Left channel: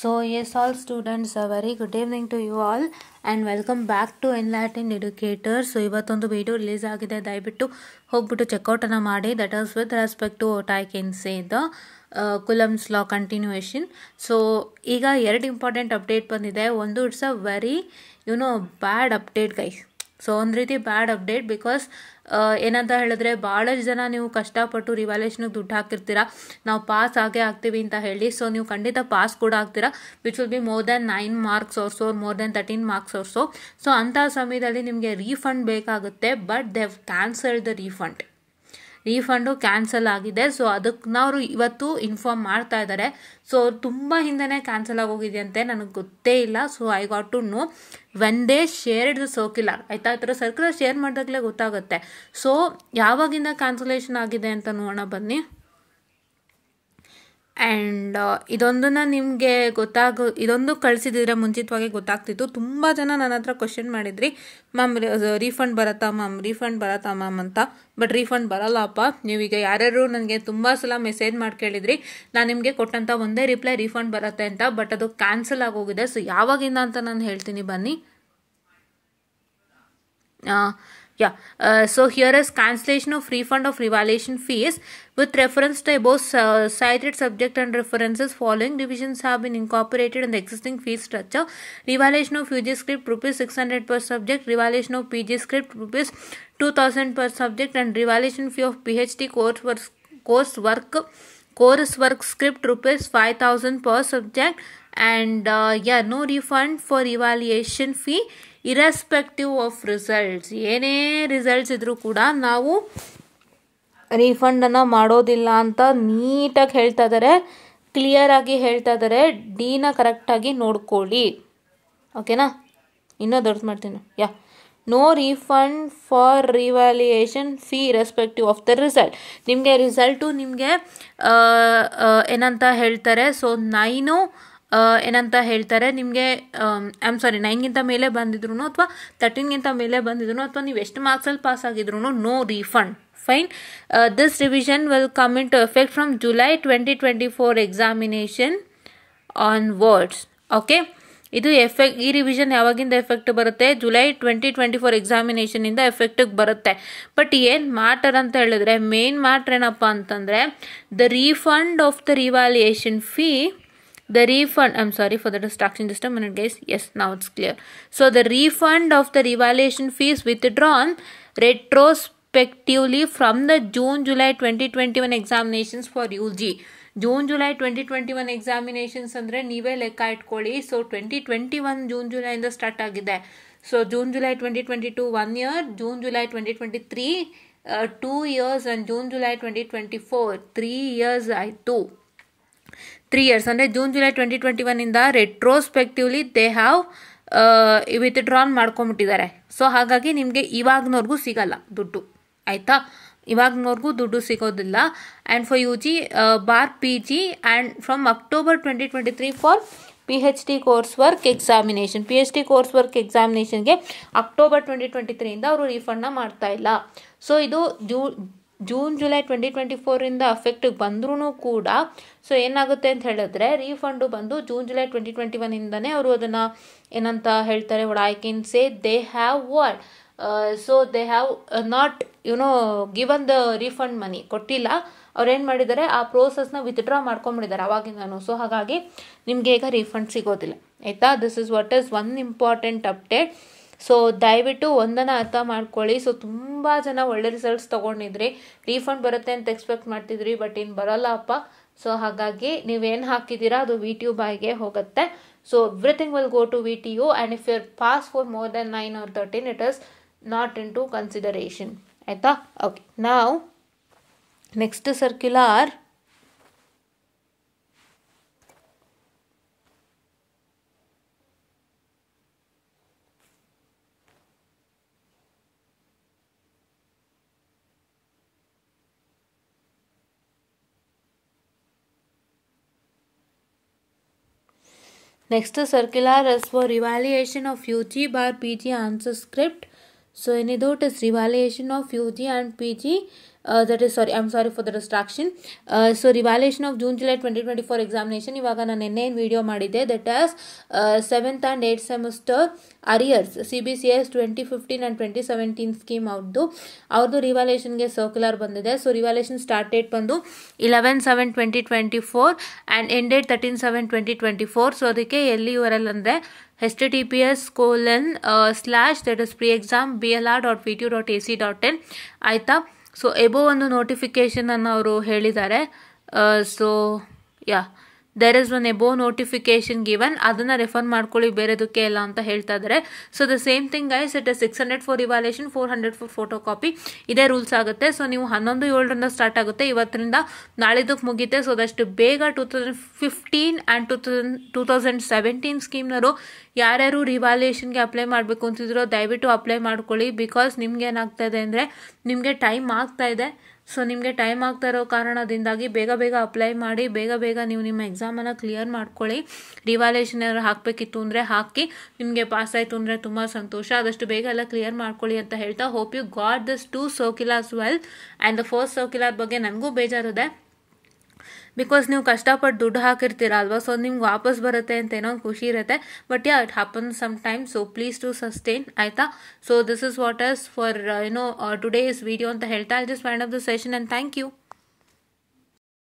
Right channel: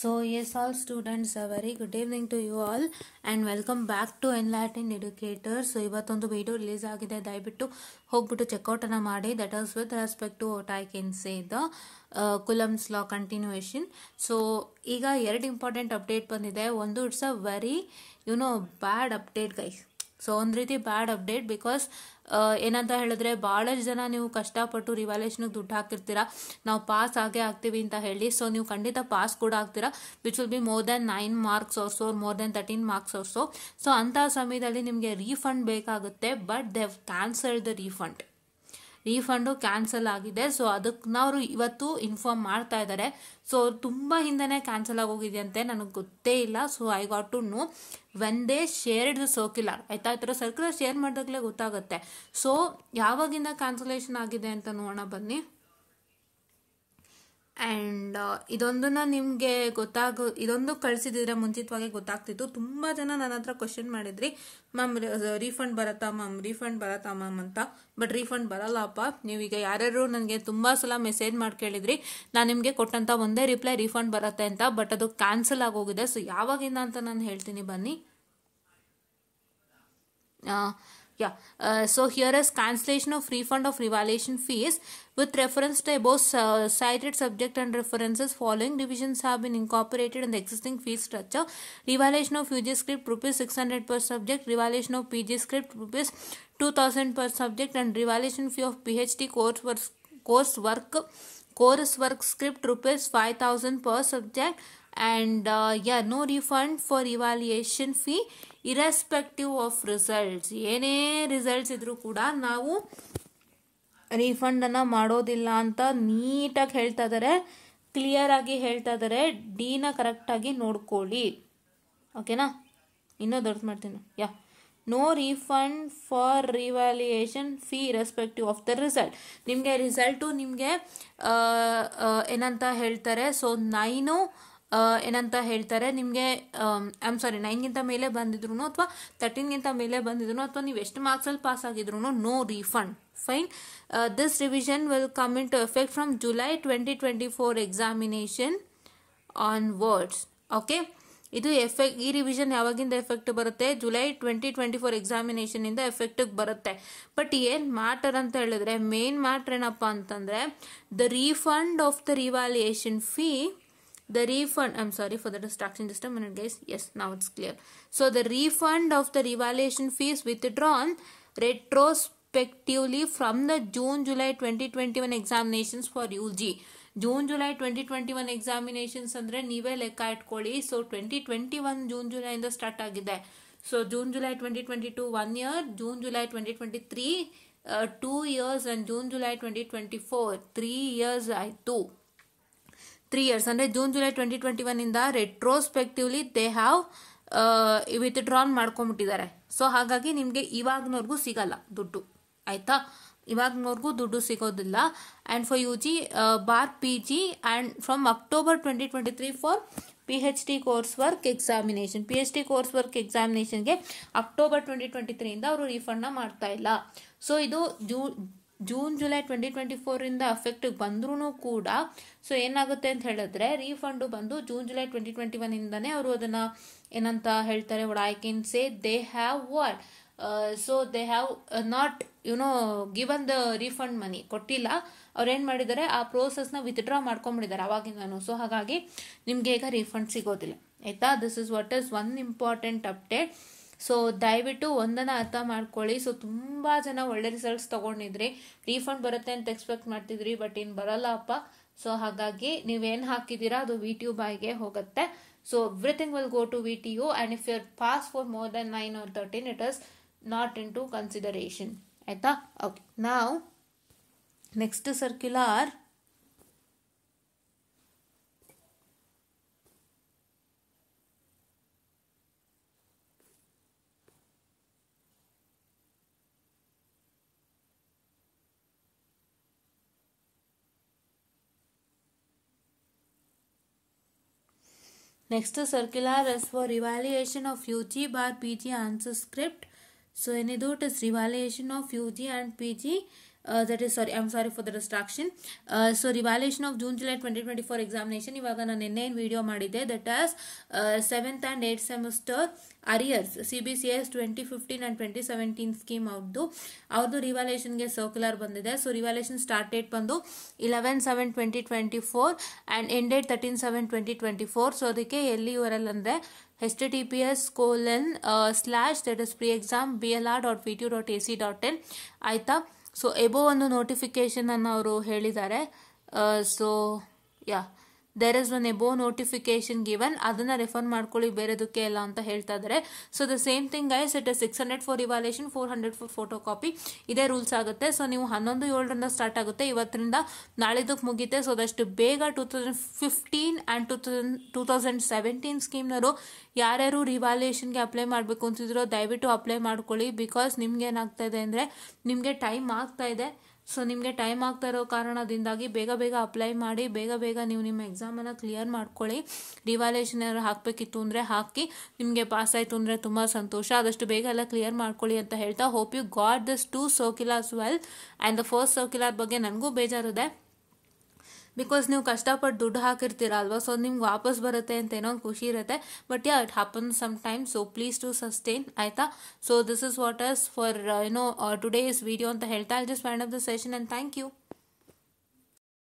So yes, all students, a very good evening to you all and welcome back to Enlightened Educator. So ಇವತ್ತೊಂದು video release ಆಗಿದೆ, ದಯವಿಟ್ಟು ಹೋಗ್ಬಿಟ್ಟು check out ಅನ್ನ ಮಾಡಿ. That is with respect to what I can say the Coulomb's law continuation. So ಈಗ ಎರಡು important update ಬಂದಿದೆ. ಒಂದು it's a very bad update guys. So ಒಂದು ರೀತಿ ಬ್ಯಾಡ್ ಅಪ್ಡೇಟ್ ಬಿಕಾಸ್ ಏನಂತ ಹೇಳಿದ್ರೆ ಭಾಳಷ್ಟು ಜನ ನೀವು ಕಷ್ಟಪಟ್ಟು ರಿವ್ಯಾಲ್ಯೂಷನ್ಗೆ ದುಡ್ಡು ಹಾಕಿರ್ತೀರಾ, ನಾವು ಪಾಸ್ ಆಗೇ ಆಗ್ತೀವಿ ಅಂತ ಹೇಳಿ. ಸೊ ನೀವು ಖಂಡಿತ ಪಾಸ್ ಕೂಡ ಆಗ್ತೀರಾ, which will be more then 9 marks also, more than 13 marks also. So ಅಂಥ ಸಮಯದಲ್ಲಿ ನಿಮಗೆ ರೀಫಂಡ್ ಬೇಕಾಗುತ್ತೆ, but they have cancelled the refund cancel ಆಗಿದೆ. ಸೊ ಅದಕ್ಕೆ ನಾವು ಇವತ್ತು ಇನ್ಫಾರ್ಮ್ ಮಾಡ್ತಾ ಇದ್ದಾರೆ. ಸೊ ತುಂಬ ಹಿಂದೆನೇ ಕ್ಯಾನ್ಸಲ್ ಆಗೋಗಿದೆಯಂತೆ, ನನಗೆ ಗೊತ್ತೇ ಇಲ್ಲ. So I got to know when they shared the circular. ಆಯ್ತಾ, ಈ ಥರ ಸರ್ಕ್ಯುಲರ್ ಶೇರ್ ಮಾಡಿದಾಗಲೇ ಗೊತ್ತಾಗುತ್ತೆ. ಸೊ ಯಾವಾಗಿಂದ ಕ್ಯಾನ್ಸಲೇಷನ್ ಆಗಿದೆ ಅಂತ ನೋಡೋಣ ಬನ್ನಿ. ಆ್ಯಂಡ್ ಇದೊಂದನ್ನು ನಿಮಗೆ ಇದೊಂದು ಕಳಿಸಿದ್ರೆ ಮುಂಚಿತವಾಗಿ ಗೊತ್ತಾಗ್ತಿತ್ತು. ತುಂಬ ಜನ ನನ್ನ ಹತ್ರ ಕ್ವಶನ್ ಮಾಡಿದ್ರಿ, ಮ್ಯಾಮ್ ರೀಫಂಡ್ ಬರುತ್ತಾ ಮ್ಯಾಮ್ ಅಂತ. ಬಟ್ ರೀಫಂಡ್ ಬರಲ್ಲಪ್ಪ. ನೀವೀಗ ಯಾರ್ಯಾರು ನನಗೆ ತುಂಬ ಸಲ ಮೆಸೇಜ್ ಮಾಡಿ ಕೇಳಿದ್ರಿ, ನಾನು ನಿಮಗೆ ಕೊಟ್ಟಂಥ ಒಂದೇ ರಿಪ್ಲೈ ರೀಫಂಡ್ ಬರುತ್ತೆ ಅಂತ. ಬಟ್ ಅದು ಕ್ಯಾನ್ಸಲ್ ಆಗೋಗಿದೆ. ಸೊ ಯಾವಾಗಿಂದ ಅಂತ ನಾನು ಹೇಳ್ತೀನಿ ಬನ್ನಿ. So here is cancellation of refund of revaluation fees with reference to above cited subject and references. Following divisions have been incorporated in the existing fee structure. Revaluation of UG script ₹600 per subject, revaluation of PG script ₹2000 per subject, and revaluation fee of PhD coursework script ₹5000 per subject. And no refund for evaluation fee irrespective of results. ಏನೇ results ಇದ್ರೂ ಕೂಡ ನಾವು ರೀಫಂಡನ್ನು ಮಾಡೋದಿಲ್ಲ ಅಂತ ನೀಟಾಗಿ ಹೇಳ್ತಾ ಇದ್ದಾರೆ, clear ಆಗಿ ಹೇಳ್ತಾ ಇದ್ದಾರೆ. ಡಿನ ಕರೆಕ್ಟಾಗಿ ನೋಡ್ಕೊಳ್ಳಿ, ಓಕೆನಾ. ಇನ್ನೂ ದೊಡ್ಡ ಮಾಡ್ತೀನಿ. No refund for revaluation fee respective of the result. ನಿಮಗೆ ರಿಸಲ್ಟು ನಿಮಗೆ ಏನಂತ ಹೇಳ್ತಾರೆ. ಸೊ 9 ಏನಂತ ಹೇಳ್ತಾರೆ ನಿಮಗೆ, 9ಗಿಂತ ಮೇಲೆ ಬಂದಿದ್ರು ಅಥವಾ 13ಗಿಂತ ಮೇಲೆ ಬಂದಿದ್ರು ಅಥವಾ ನೀವು ಎಷ್ಟು ಮಾರ್ಕ್ಸಲ್ಲಿ ಪಾಸ್ ಆಗಿದ್ರು no refund. Fine. This revision will come into effect from July 2024 examination onwards. Okay, ಇದು ಈ ರಿವಿಷನ್ ಯಾವಾಗಿಂದ ಎಫೆಕ್ಟ್ ಬರುತ್ತೆ? ಜುಲೈ 2024 ಎಕ್ಸಾಮಿನೇಷನಿಂದ ಎಫೆಕ್ಟಿಗೆ ಬರುತ್ತೆ. ಬಟ್ ಏನು ಮ್ಯಾಟರ್ ಅಂತ ಹೇಳಿದ್ರೆ, ಮೇನ್ ಮ್ಯಾಟ್ರ್ ಏನಪ್ಪ ಅಂತಂದರೆ the refund of the revaluation fee. The refund, I'm sorry for the distraction, just a minute guys. Yes, now it's clear. So the refund of the revaluation fees withdrawn retrospectively from the June-July 2021 examinations for UG. June-July 2021 examinations ಅಂದ್ರೆ ನೀವೇ ಲೆಕ್ಕ ಇಟ್ಕೊಳ್ಳಿ. So 2021 June July ಇಂದ start ಆಗಿದೆ. So June July 2022 1 year, June July 2023 2 years, and June July 2024 3 years ಆಯಿತು. 3 years ಅಂದರೆ June July 2021 ಇಂದ retrospectively they have withdrawn ಮಾಡ್ಕೊಂಬಿಟ್ಟಿದ್ದಾರೆ. ಸೊ ಹಾಗಾಗಿ ನಿಮಗೆ ಇವಾಗ್ನವ್ರಿಗೂ ಸಿಗಲ್ಲ ದುಡ್ಡು, ಆಯಿತಾ. ಇವಾಗ್ನವ್ರಿಗೂ ದುಡ್ಡು ಸಿಗೋದಿಲ್ಲ. And for UG bar PG and from October 2023 for PhD course work examination. PhD course work ಎಕ್ಸಾಮಿನೇಷನ್ಗೆ ಅಕ್ಟೋಬರ್ 2023 ಇಂದ ಅವರು ರೀಫಂಡ್ನ ಮಾಡ್ತಾ ಇಲ್ಲ. ಸೊ ಇದು ಜೂನ್-ಜುಲೈ 2024 ಅಫೆಕ್ಟಿಗೆ ಬಂದ್ರೂ ಕೂಡ ಸೊ ಏನಾಗುತ್ತೆ ಅಂತ ಹೇಳಿದ್ರೆ ರೀಫಂಡು ಬಂದು ಜೂನ್-ಜುಲೈ 2021 ಇಂದನೇ ಅವರು ಅದನ್ನು ಏನಂತ ಹೇಳ್ತಾರೆ, what I can say, they have what so they have not given the refund money, ಕೊಟ್ಟಿಲ್ಲ. ಅವ್ರು ಏನು ಮಾಡಿದ್ದಾರೆ, ಆ ಪ್ರೋಸೆಸ್ನ ವಿತ್ಡ್ರಾ ಮಾಡ್ಕೊಂಬಿಟ್ಟಿದ್ದಾರೆ ಅವಾಗಿಂದನು. ಸೊ ಹಾಗಾಗಿ ನಿಮಗೆ ಈಗ ರೀಫಂಡ್ ಸಿಗೋದಿಲ್ಲ, ಆಯಿತಾ. This is what is one important update. So ದಯವಿಟ್ಟು ಒಂದನ್ನು ಅರ್ಥ ಮಾಡ್ಕೊಳ್ಳಿ. ಸೊ ತುಂಬ ಜನ ಒಳ್ಳೆ ರಿಸಲ್ಟ್ಸ್ ತೊಗೊಂಡಿದ್ರಿ, ರೀಫಂಡ್ ಬರುತ್ತೆ ಅಂತ ಎಕ್ಸ್ಪೆಕ್ಟ್ ಮಾಡ್ತಿದ್ರಿ, ಬಟ್ ಇನ್ನು ಬರೋಲ್ಲಪ್ಪ. ಸೊ ಹಾಗಾಗಿ ನೀವೇನು ಹಾಕಿದ್ದೀರಾ ಅದು VTU ಹೋಗುತ್ತೆ. So everything will go to VTU, and if your pass for more then 9 or 13 it is not into consideration, ಆಯಿತಾ. ಓಕೆ, ನಾವು next circular. Next circular is for revaluation of UG bar PG answer script. So ಏನಿದು, it is revaluation of UG and PG that is sorry, I'm sorry for the distraction. So revaluation of June July 2024 examination, ಇವಾಗ ನಾನು ನಿನ್ನೆ video ಮಾಡಿದ್ದೆ, that as 7th and 8th semester arrears CBCS 2015 and 2017 scheme ಅವ್ರದ್ದು ರಿವ್ಯಾಲ್ಯೂಷನ್ಗೆ circular ಬಂದಿದೆ. So revaluation start date ಬಂದು 11/7/2024 and end date 13/7/2024. So ಅದಕ್ಕೆ LURL ಅಂದರೆ https:// that is preexam.blr.vtu.ac.in ಆಯಿತಾ. ಸೊ ಎಬೋ ಒಂದು ನೋಟಿಫಿಕೇಶನ್ ಅನ್ನು ಅವರು ಹೇಳಿದ್ದಾರೆ. So ya, there is one above notification given, ಅದನ್ನು ರೆಫರ್ ಮಾಡ್ಕೊಳ್ಳಿ, ಬೇರೆದಕ್ಕೆ ಇಲ್ಲ ಅಂತ ಹೇಳ್ತಾ ಇದ್ದಾರೆ. So the same thing guys, it is 600 for revaluation, 400 for photocopy, ಇದೇ ರೂಲ್ಸ್ ಆಗುತ್ತೆ. ಸೊ ನೀವು 11/7 ಸ್ಟಾರ್ಟ್ ಆಗುತ್ತೆ, ಇವತ್ತರಿಂದ ನಾಳಿದ್ದಕ್ಕೆ ಮುಗಿತೆ. ಸೊ ಅದಷ್ಟು ಬೇಗ 2015 ಆ್ಯಂಡ್ 2017 ಸ್ಕೀಮ್ನವರು ಯಾರ್ಯಾರು ರಿವ್ಯಾಲ್ಯೂಷನ್ಗೆ ಅಪ್ಲೈ ಮಾಡಬೇಕು ಅಂತಿದ್ರೋ ದಯವಿಟ್ಟು ಅಪ್ಲೈ ಮಾಡ್ಕೊಳ್ಳಿ. ಬಿಕಾಸ್ ನಿಮ್ಗೆ ಏನಾಗ್ತಾ ಇದೆ ಅಂದರೆ ನಿಮಗೆ ಟೈಮ್ ಆಗ್ತಾ ಇದೆ. ಸೊ ನಿಮಗೆ ಟೈಮ್ ಆಗ್ತಾ ಇರೋ ಕಾರಣದಿಂದಾಗಿ ಬೇಗ ಬೇಗ ಅಪ್ಲೈ ಮಾಡಿ, ಬೇಗ ಬೇಗ ನೀವು ನಿಮ್ಮ ಎಕ್ಸಾಮನ್ನು ಕ್ಲಿಯರ್ ಮಾಡ್ಕೊಳ್ಳಿ. ರಿವ್ಯಾಲ್ಯೂಷನ್ ಏನಾದ್ರು ಹಾಕಬೇಕಿತ್ತು ಅಂದರೆ ಹಾಕಿ, ನಿಮಗೆ ಪಾಸ್ ಆಯಿತು ಅಂದರೆ ತುಂಬ ಸಂತೋಷ. ಆದಷ್ಟು ಬೇಗ ಎಲ್ಲ ಕ್ಲಿಯರ್ ಮಾಡ್ಕೊಳ್ಳಿ ಅಂತ ಹೇಳ್ತಾ, hope you got this 2 circulars well. And the first circular ಬಗ್ಗೆ ನನಗೂ ಬೇಜಾರಿದೆ, ಬಿಕಾಸ್ ನೀವು ಕಷ್ಟಪಟ್ಟು ದುಡ್ಡು ಹಾಕಿರ್ತೀರ ಅಲ್ವಾ, ಸೊ ನಿಮ್ಗೆ ವಾಪಸ್ ಬರುತ್ತೆ ಅಂತ ಏನೋ ಖುಷಿ ಇರುತ್ತೆ. But yeah, it happens some time. So please to sustain, ಆಯಿತಾ. So this is what is for today's video ಅಂತ ಹೇಳ್ತಾ, I just wind up the session and thank you.